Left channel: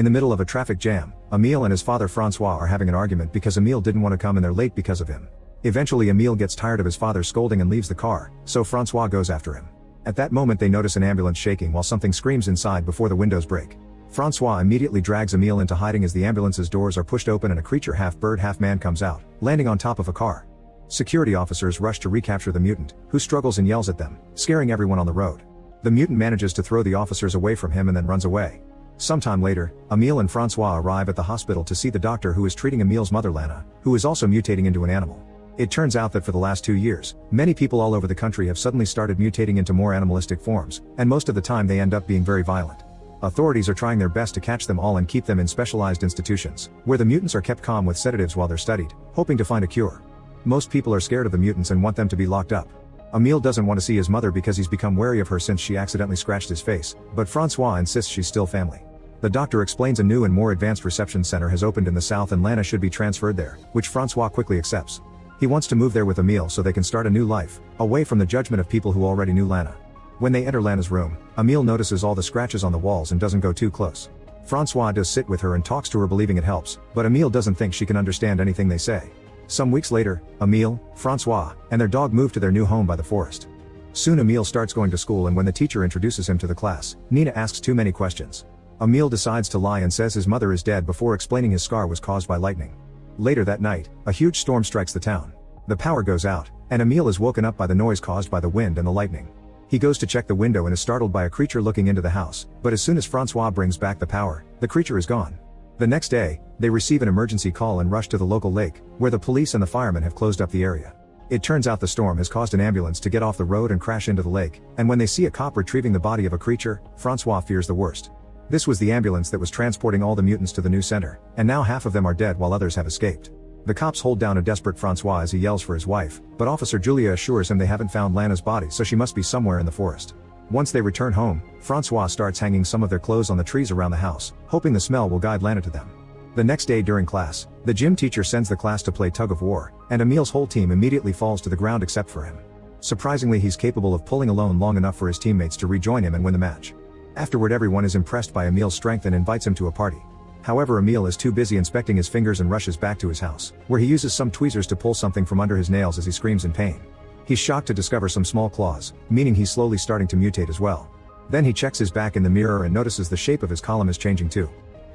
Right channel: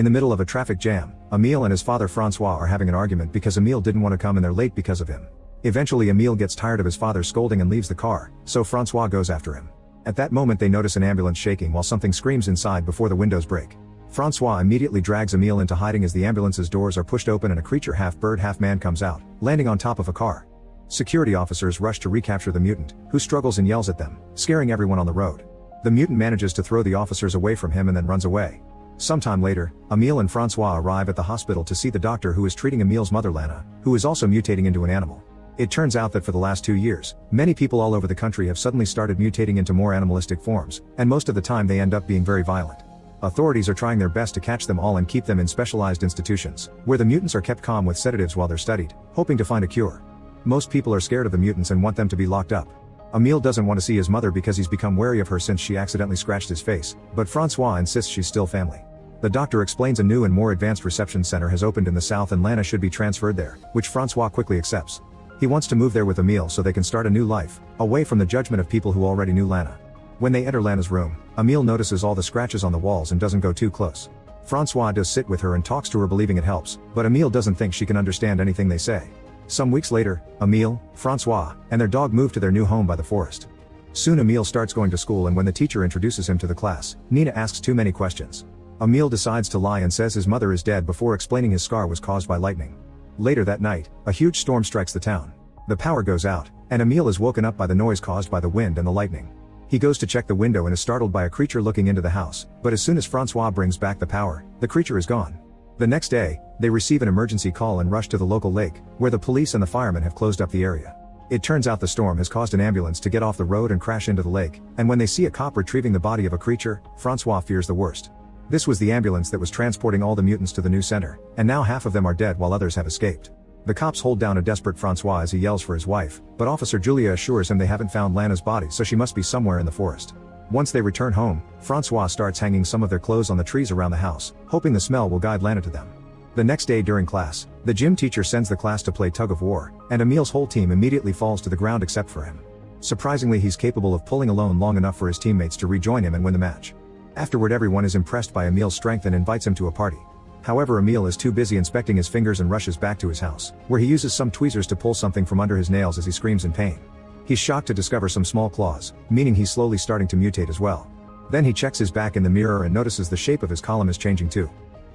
In the middle of a traffic jam, Emile and his father Francois are having an argument because Emile didn't want to come and they're late because of him. Eventually Emile gets tired of his father scolding and leaves the car, so Francois goes after him. At that moment they notice an ambulance shaking while something screams inside before the windows break. Francois immediately drags Emile into hiding as the ambulance's doors are pushed open and a creature half bird half man comes out, landing on top of a car. Security officers rush to recapture the mutant, who struggles and yells at them, scaring everyone on the road. The mutant manages to throw the officers away from him and then runs away. Sometime later, Emile and Francois arrive at the hospital to see the doctor who is treating Emile's mother Lana, who is also mutating into an animal. It turns out that for the last 2 years, many people all over the country have suddenly started mutating into more animalistic forms, and most of the time they end up being very violent. Authorities are trying their best to catch them all and keep them in specialized institutions, where the mutants are kept calm with sedatives while they're studied, hoping to find a cure. Most people are scared of the mutants and want them to be locked up. Emile doesn't want to see his mother because he's become wary of her since she accidentally scratched his face, but Francois insists she's still family. The doctor explains a new and more advanced reception center has opened in the south and Lana should be transferred there, which Francois quickly accepts. He wants to move there with Emile so they can start a new life, away from the judgment of people who already knew Lana. When they enter Lana's room, Emile notices all the scratches on the walls and doesn't go too close. Francois does sit with her and talks to her believing it helps, but Emile doesn't think she can understand anything they say. Some weeks later, Emile, Francois, and their dog move to their new home by the forest. Soon Emile starts going to school and when the teacher introduces him to the class, Nina asks too many questions. Emile decides to lie and says his mother is dead before explaining his scar was caused by lightning. Later that night, a huge storm strikes the town. The power goes out, and Emile is woken up by the noise caused by the wind and the lightning. He goes to check the window and is startled by a creature looking into the house, but as soon as Francois brings back the power, the creature is gone. The next day, they receive an emergency call and rush to the local lake, where the police and the firemen have closed up the area. It turns out the storm has caused an ambulance to get off the road and crash into the lake, and when they see a cop retrieving the body of a creature, Francois fears the worst. This was the ambulance that was transporting all the mutants to the new center, and now half of them are dead while others have escaped. The cops hold down a desperate Francois as he yells for his wife, but Officer Julia assures him they haven't found Lana's body so she must be somewhere in the forest. Once they return home, Francois starts hanging some of their clothes on the trees around the house, hoping the smell will guide Lana to them. The next day during class, the gym teacher sends the class to play tug of war, and Emile's whole team immediately falls to the ground except for him. Surprisingly, he's capable of pulling alone long enough for his teammates to rejoin him and win the match. Afterward, everyone is impressed by Emile's strength and invites him to a party. However, Emile is too busy inspecting his fingers and rushes back to his house, where he uses some tweezers to pull something from under his nails as he screams in pain. He's shocked to discover some small claws, meaning he's slowly starting to mutate as well. Then he checks his back in the mirror and notices the shape of his column is changing too.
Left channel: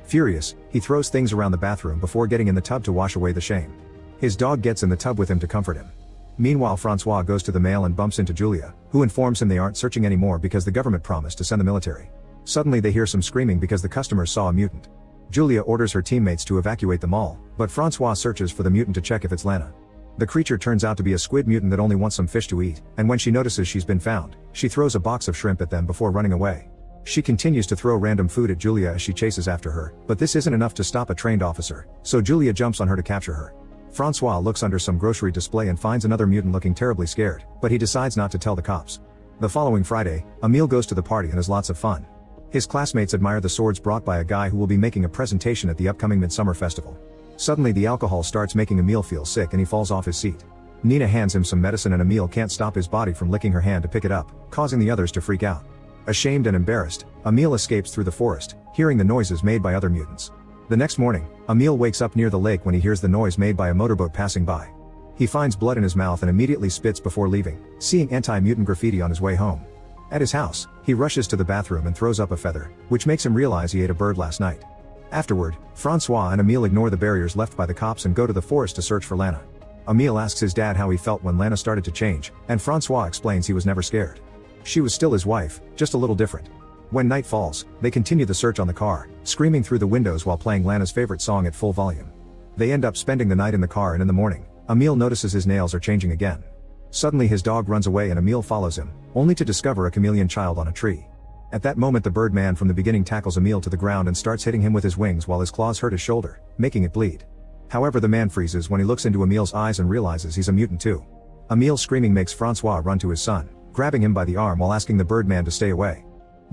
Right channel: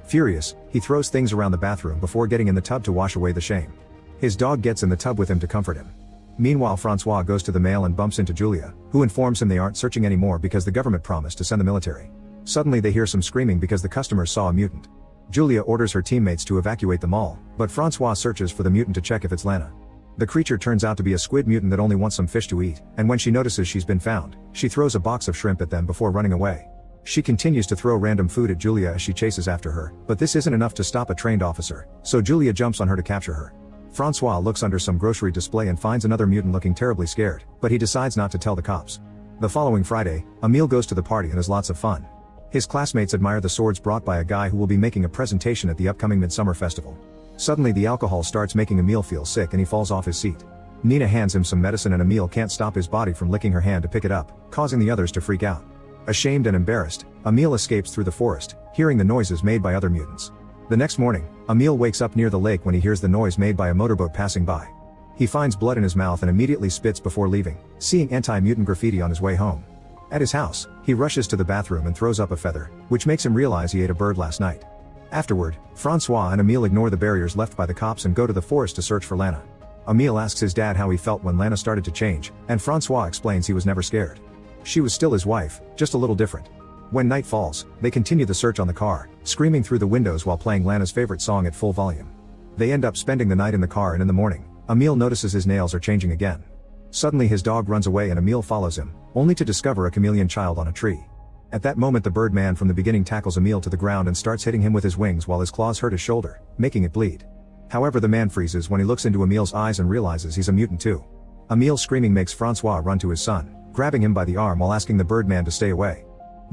Furious, he throws things around the bathroom before getting in the tub to wash away the shame. His dog gets in the tub with him to comfort him. Meanwhile, Francois goes to the mail and bumps into Julia, who informs him they aren't searching anymore because the government promised to send the military. Suddenly they hear some screaming because the customers saw a mutant. Julia orders her teammates to evacuate the mall, but Francois searches for the mutant to check if it's Lana. The creature turns out to be a squid mutant that only wants some fish to eat, and when she notices she's been found, she throws a box of shrimp at them before running away. She continues to throw random food at Julia as she chases after her, but this isn't enough to stop a trained officer, so Julia jumps on her to capture her. Francois looks under some grocery display and finds another mutant looking terribly scared, but he decides not to tell the cops. The following Friday, Emile goes to the party and has lots of fun. His classmates admire the swords brought by a guy who will be making a presentation at the upcoming Midsummer Festival. Suddenly the alcohol starts making Emile feel sick and he falls off his seat. Nina hands him some medicine and Emile can't stop his body from licking her hand to pick it up, causing the others to freak out. Ashamed and embarrassed, Emile escapes through the forest, hearing the noises made by other mutants. The next morning, Emile wakes up near the lake when he hears the noise made by a motorboat passing by. He finds blood in his mouth and immediately spits before leaving, seeing anti-mutant graffiti on his way home. At his house, he rushes to the bathroom and throws up a feather, which makes him realize he ate a bird last night. Afterward, Francois and Emile ignore the barriers left by the cops and go to the forest to search for Lana. Emile asks his dad how he felt when Lana started to change, and Francois explains he was never scared. She was still his wife, just a little different. When night falls, they continue the search on the car, screaming through the windows while playing Lana's favorite song at full volume. They end up spending the night in the car and in the morning, Emile notices his nails are changing again. Suddenly his dog runs away and Emile follows him, only to discover a chameleon child on a tree. At that moment the Birdman from the beginning tackles Emile to the ground and starts hitting him with his wings while his claws hurt his shoulder, making it bleed. However, the man freezes when he looks into Emile's eyes and realizes he's a mutant too. Emile's screaming makes Francois run to his son, grabbing him by the arm while asking the Birdman to stay away.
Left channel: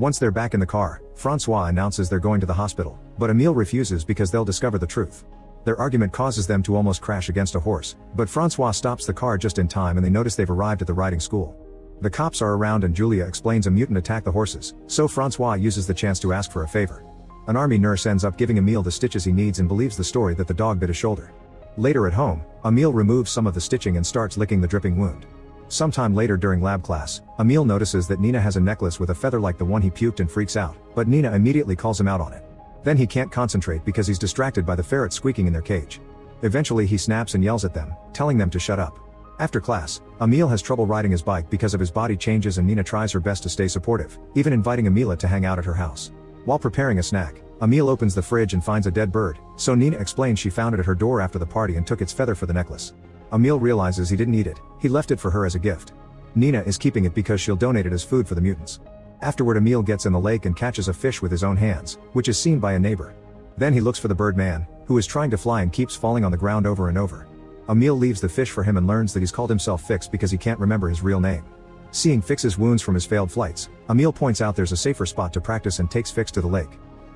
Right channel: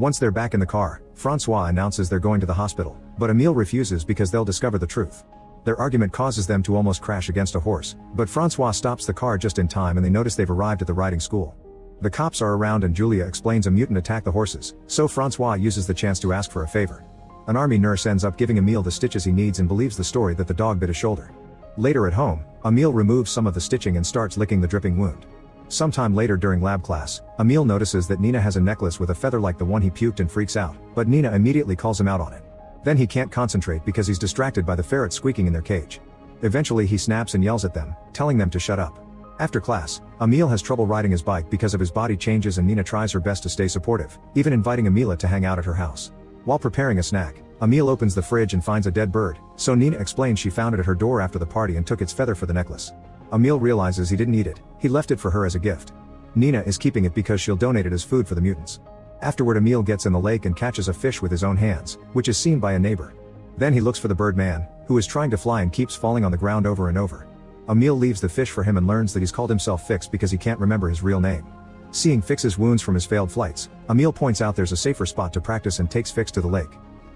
Once they're back in the car, Francois announces they're going to the hospital, but Emile refuses because they'll discover the truth. Their argument causes them to almost crash against a horse, but Francois stops the car just in time and they notice they've arrived at the riding school. The cops are around and Julia explains a mutant attacked the horses, so Francois uses the chance to ask for a favor. An army nurse ends up giving Emil the stitches he needs and believes the story that the dog bit his shoulder. Later at home, Emil removes some of the stitching and starts licking the dripping wound. Sometime later during lab class, Emil notices that Nina has a necklace with a feather like the one he puked and freaks out, but Nina immediately calls him out on it. Then he can't concentrate because he's distracted by the ferrets squeaking in their cage. Eventually he snaps and yells at them, telling them to shut up. After class, Emil has trouble riding his bike because of his body changes and Nina tries her best to stay supportive, even inviting Emil to hang out at her house. While preparing a snack, Emil opens the fridge and finds a dead bird, so Nina explains she found it at her door after the party and took its feather for the necklace. Emil realizes he didn't eat it, he left it for her as a gift. Nina is keeping it because she'll donate it as food for the mutants. Afterward Emil gets in the lake and catches a fish with his own hands, which is seen by a neighbor. Then he looks for the bird man, who is trying to fly and keeps falling on the ground over and over. Emil leaves the fish for him and learns that he's called himself Fix because he can't remember his real name. Seeing Fix's wounds from his failed flights, Emil points out there's a safer spot to practice and takes Fix to the lake.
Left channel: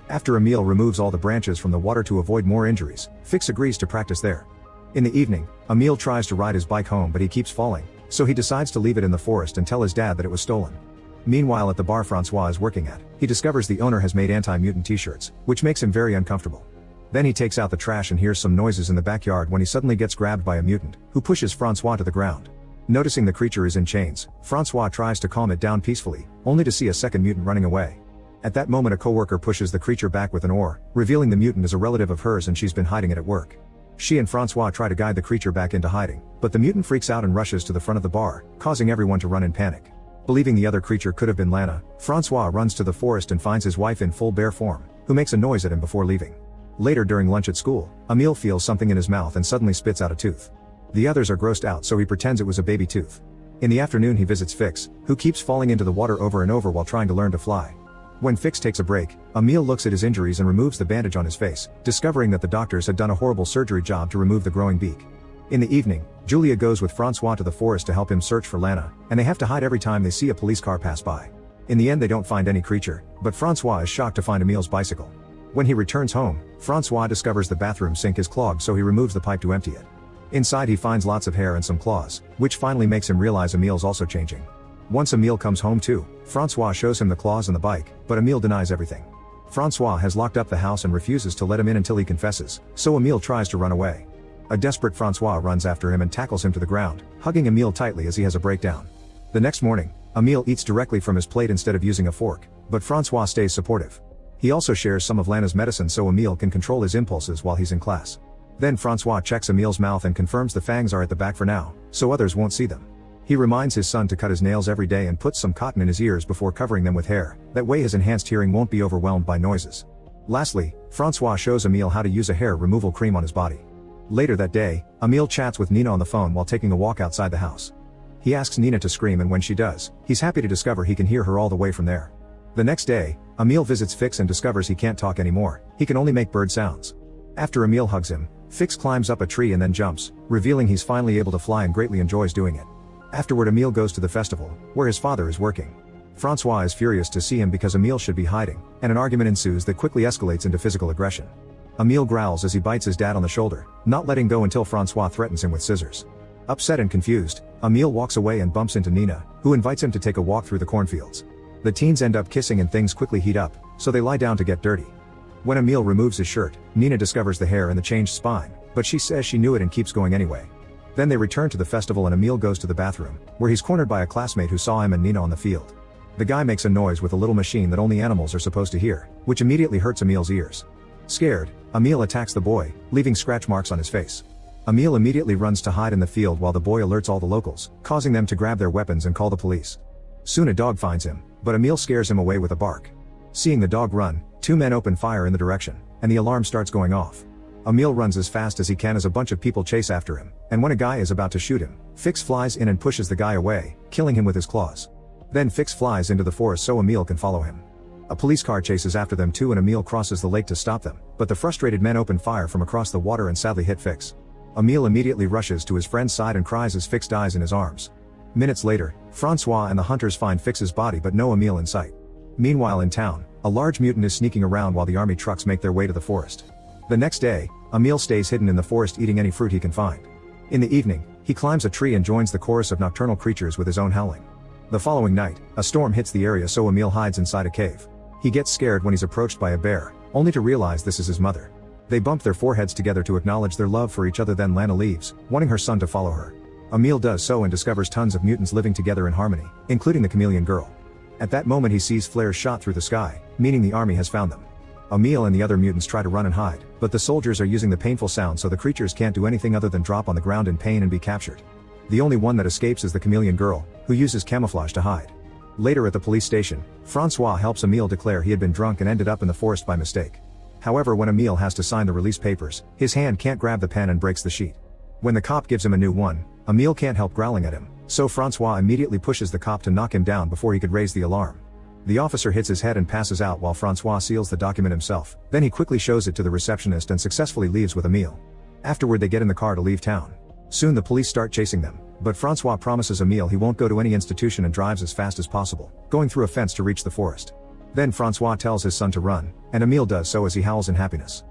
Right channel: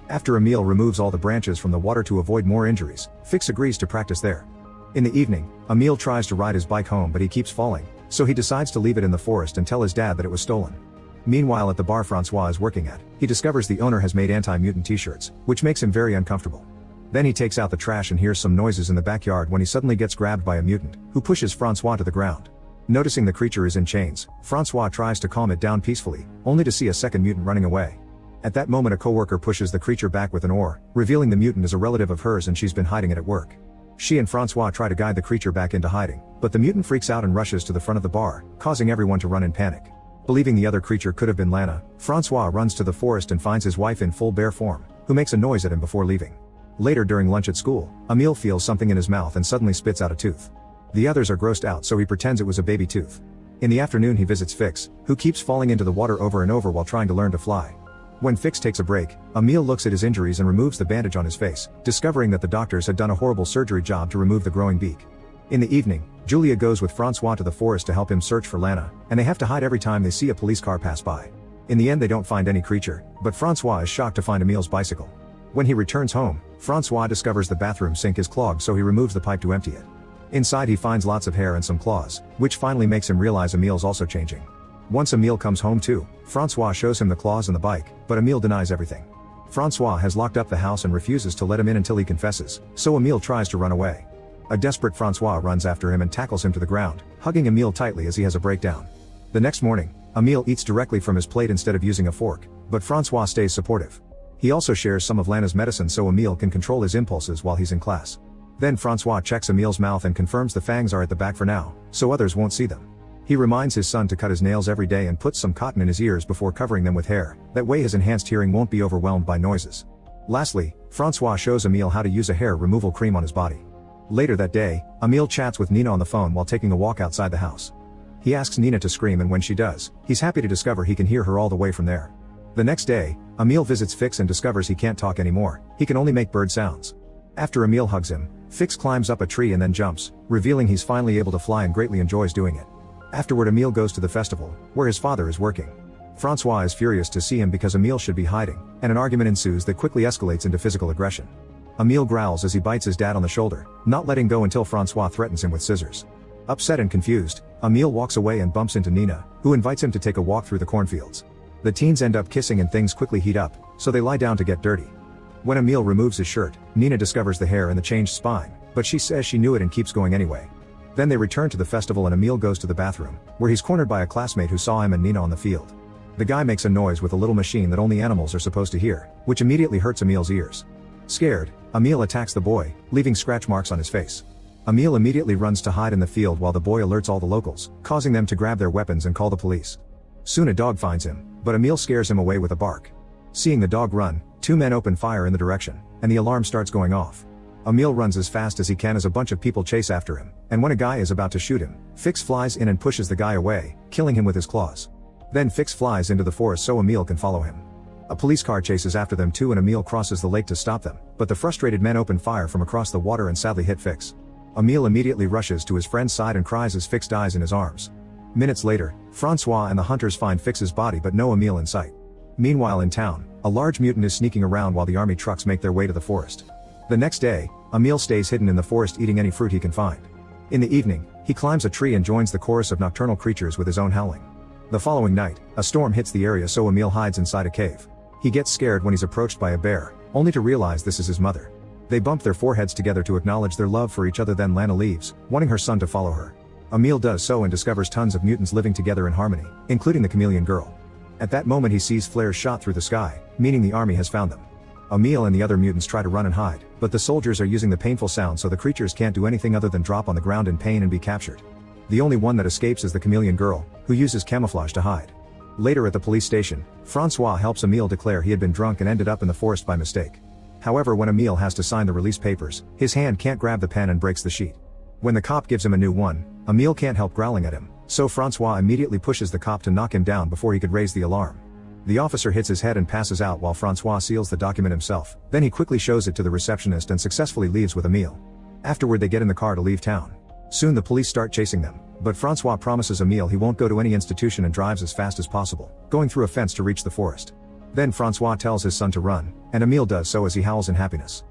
After Emil removes all the branches from the water to avoid more injuries, Fix agrees to practice there. In the evening, Emil tries to ride his bike home but he keeps falling, so he decides to leave it in the forest and tell his dad that it was stolen. Meanwhile at the bar Francois is working at, he discovers the owner has made anti-mutant t-shirts, which makes him very uncomfortable. Then he takes out the trash and hears some noises in the backyard when he suddenly gets grabbed by a mutant, who pushes Francois to the ground. Noticing the creature is in chains, Francois tries to calm it down peacefully, only to see a second mutant running away. At that moment a coworker pushes the creature back with an oar, revealing the mutant is a relative of hers and she's been hiding it at work. She and Francois try to guide the creature back into hiding, but the mutant freaks out and rushes to the front of the bar, causing everyone to run in panic. Believing the other creature could have been Lana, Francois runs to the forest and finds his wife in full bear form, who makes a noise at him before leaving. Later during lunch at school, Emil feels something in his mouth and suddenly spits out a tooth. The others are grossed out so he pretends it was a baby tooth. In the afternoon he visits Fix, who keeps falling into the water over and over while trying to learn to fly. When Fix takes a break, Emil looks at his injuries and removes the bandage on his face, discovering that the doctors had done a horrible surgery job to remove the growing beak. In the evening, Julia goes with Francois to the forest to help him search for Lana, and they have to hide every time they see a police car pass by. In the end they don't find any creature, but Francois is shocked to find Emil's bicycle. When he returns home, Francois discovers the bathroom sink is clogged so he removes the pipe to empty it. Inside he finds lots of hair and some claws, which finally makes him realize Emil's also changing. Once Emil comes home too, Francois shows him the claws and the bike, but Emil denies everything. Francois has locked up the house and refuses to let him in until he confesses, so Emil tries to run away. A desperate Francois runs after him and tackles him to the ground, hugging Emil tightly as he has a breakdown. The next morning, Emil eats directly from his plate instead of using a fork, but Francois stays supportive. He also shares some of Lana's medicine so Emil can control his impulses while he's in class. Then Francois checks Emil's mouth and confirms the fangs are at the back for now, so others won't see them. He reminds his son to cut his nails every day and puts some cotton in his ears before covering them with hair, that way his enhanced hearing won't be overwhelmed by noises. Lastly, Francois shows Emil how to use a hair removal cream on his body. Later that day, Emil chats with Nina on the phone while taking a walk outside the house. He asks Nina to scream and when she does, he's happy to discover he can hear her all the way from there. The next day, Emil visits Fix and discovers he can't talk anymore, he can only make bird sounds. After Emil hugs him, Fix climbs up a tree and then jumps, revealing he's finally able to fly and greatly enjoys doing it. Afterward Emil goes to the festival, where his father is working. Francois is furious to see him because Emil should be hiding, and an argument ensues that quickly escalates into physical aggression. Emil growls as he bites his dad on the shoulder, not letting go until Francois threatens him with scissors. Upset and confused, Emil walks away and bumps into Nina, who invites him to take a walk through the cornfields. The teens end up kissing and things quickly heat up, so they lie down to get dirty. When Emil removes his shirt, Nina discovers the hair and the changed spine, but she says she knew it and keeps going anyway. Then they return to the festival and Emil goes to the bathroom, where he's cornered by a classmate who saw him and Nina on the field. The guy makes a noise with a little machine that only animals are supposed to hear, which immediately hurts Emil's ears. Scared, Emil attacks the boy, leaving scratch marks on his face. Emil immediately runs to hide in the field while the boy alerts all the locals, causing them to grab their weapons and call the police. Soon a dog finds him, but Emil scares him away with a bark. Seeing the dog run, two men open fire in the direction, and the alarm starts going off. Emil runs as fast as he can as a bunch of people chase after him, and when a guy is about to shoot him, Fix flies in and pushes the guy away, killing him with his claws. Then Fix flies into the forest so Emil can follow him. A police car chases after them too and Emil crosses the lake to stop them, but the frustrated men open fire from across the water and sadly hit Fix. Emil immediately rushes to his friend's side and cries as Fix dies in his arms. Minutes later, Francois and the hunters find Fix's body but no Emil in sight. Meanwhile in town, a large mutant is sneaking around while the army trucks make their way to the forest. The next day, Emil stays hidden in the forest eating any fruit he can find. In the evening, he climbs a tree and joins the chorus of nocturnal creatures with his own howling. The following night, a storm hits the area so Emil hides inside a cave. He gets scared when he's approached by a bear, only to realize this is his mother. They bump their foreheads together to acknowledge their love for each other. Then Lana leaves, wanting her son to follow her. Emil does so and discovers tons of mutants living together in harmony, including the chameleon girl. At that moment he sees flares shot through the sky, meaning the army has found them. Emil and the other mutants try to run and hide, but the soldiers are using the painful sound so the creatures can't do anything other than drop on the ground in pain and be captured. The only one that escapes is the chameleon girl, who uses camouflage to hide. Later at the police station, Francois helps Emil declare he had been drunk and ended up in the forest by mistake. However, when Emil has to sign the release papers, his hand can't grab the pen and breaks the sheet. When the cop gives him a new one, Emil can't help growling at him, so Francois immediately pushes the cop to knock him down before he can raise the alarm. The officer hits his head and passes out while Francois seals the document himself. Then he quickly shows it to the receptionist and successfully leaves with Emil. Afterward they get in the car to leave town. Soon the police start chasing them, but Francois promises Emil he won't go to any institution and drives as fast as possible, going through a fence to reach the forest. Then Francois tells his son to run, and Emil does so as he howls in happiness.